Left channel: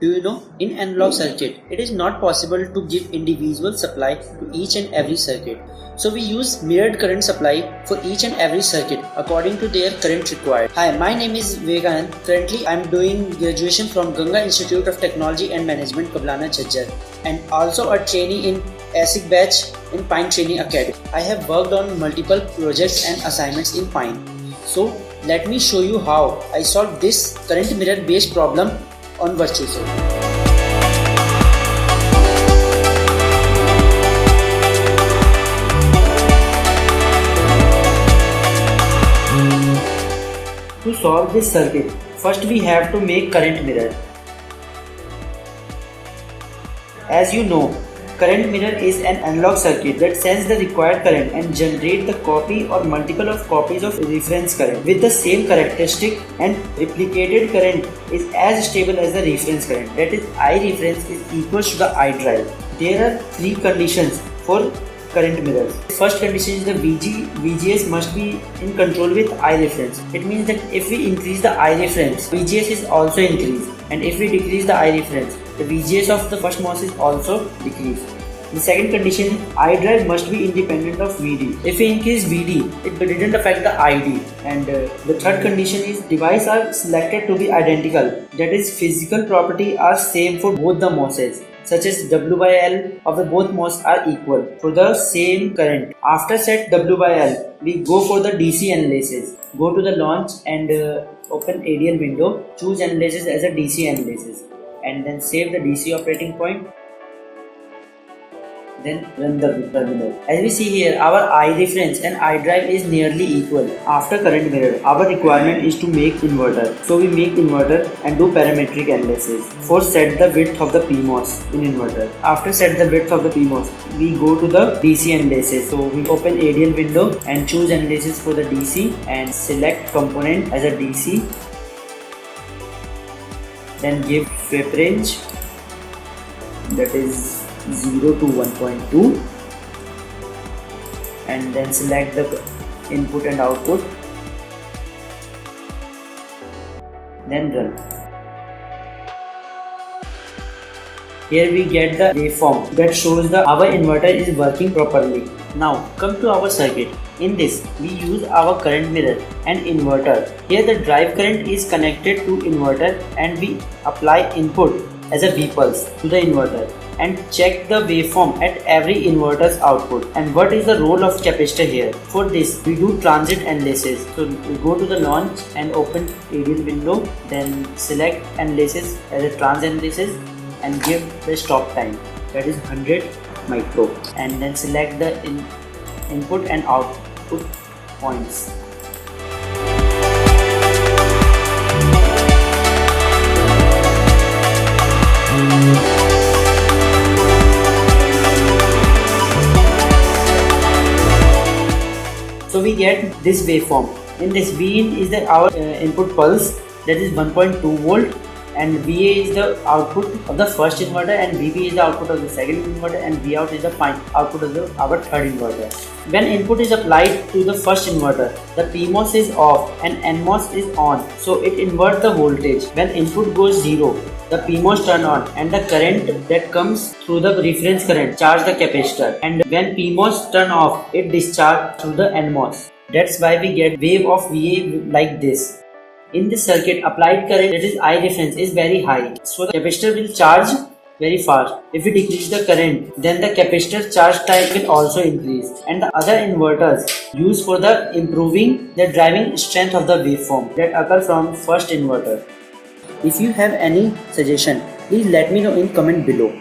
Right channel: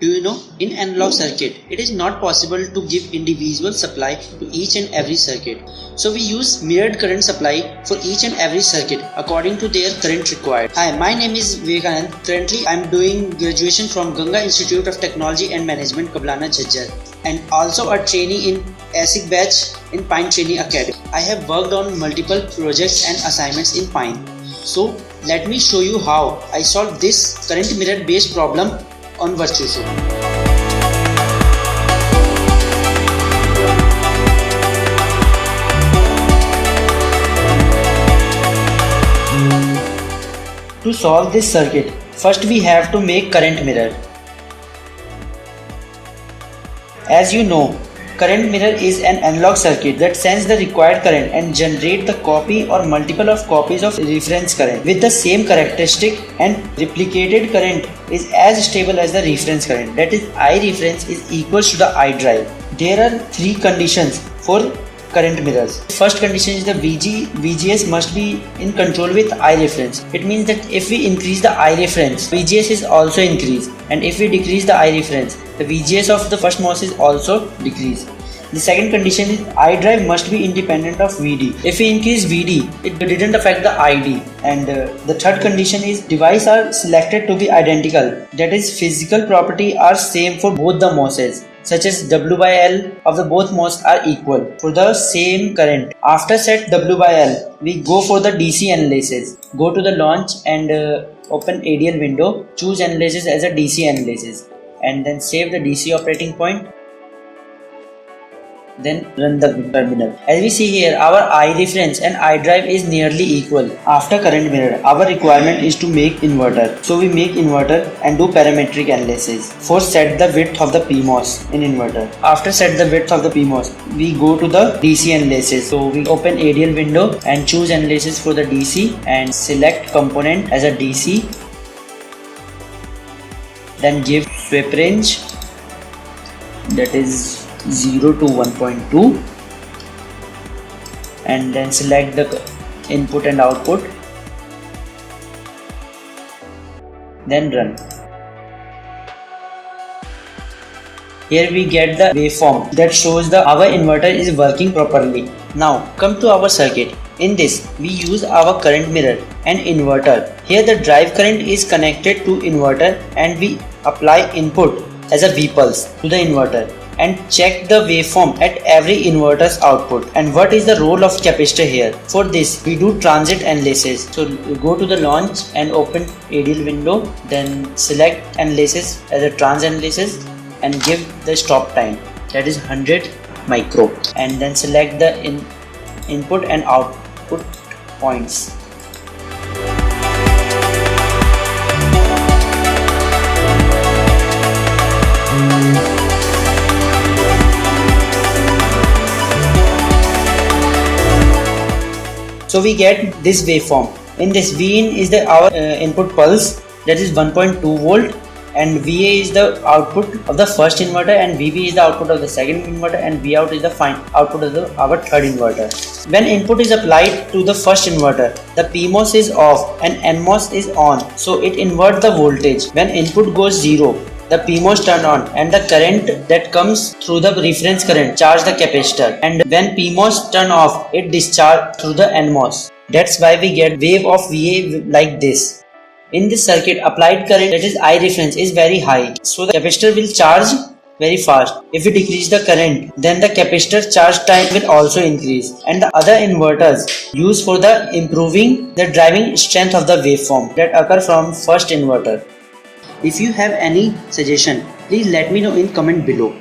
Do you know, in analog circuit, it is not possible to give individual supply to each and every circuit. So we use mirrored current supply for each and every circuit according to their current required. Hi, my name is Vivekanand. Currently, I am doing graduation from Ganga Institute of Technology and Management, Kablana, Jhajjar, and also a trainee in ASIC batch in Pine Training Academy. I have worked on multiple projects and assignments in Pine. So let me show you how I solved this current mirror based problem on Virtuoso. To solve this circuit, first we have to make current mirror. As you know, current mirror is an analog circuit that sends the required current and generate the copy or multiple of copies of reference current with the same characteristic, and replicated current is as stable as the reference current, that is I reference is equals to the I drive. There are three conditions for current mirrors. First condition is the VGS must be in control with I reference. It means that if we increase the I reference, VGS is also increased, and if we decrease the I reference, the VGS of the first MOS is also decreased. The second condition is I drive must be independent of VD. If we increase VD, it didn't affect the ID. And the third condition is devices are selected to be identical. That is, physical property are same for both the MOSes, such as W by L of the both MOS are equal for the same current. After set W by L, we go for the DC analysis. Go to the launch and open ADL window, choose analysis as a DC analysis, and then save the DC operating point. Then run the terminal. As we see here, our I reference and I drive is nearly equal. After current mirror, our requirement is to make inverter. So we make inverter and do parametric analysis. First set the width of the PMOS in inverter. After set the width of the PMOS, we go to the DC analysis. So we open ADL window and choose analysis for the DC and select component as a DC. Then give swap range, that is 0 to 1.2, and then select the input and output, then run. Here we get the waveform that shows our inverter is working properly. Now come to our circuit. In this we use our current mirror and inverter. Here the drive current is connected to inverter and we apply input as a V pulse to the inverter and check the waveform at every inverter's output. And what is the role of capacitor here? For this we do transit analysis. So we go to the launch and open ADL window, then select analysis as a trans analysis and give the stop time, that is 100 micro, and then select the input and output points. So we get this waveform. In this, Vin is our input pulse, that is 1.2 volt, and VA is the output of the first inverter, and VB is the output of the second inverter, and Vout is the output of our third inverter. When input is applied to the first inverter, the PMOS is off and NMOS is on, so it inverts the voltage. When input goes 0, the PMOS turn on and the current that comes through the reference current charge the capacitor, and when PMOS turn off, it discharge through the NMOS. That's why we get wave of VA like this. In this circuit, applied current, that is I reference, is very high, so the capacitor will charge very fast. If we decrease the current, then the capacitor charge time will also increase, and the other inverters used for the improving the driving strength of the waveform that occur from first inverter. If you have any suggestion, please let me know in comment below.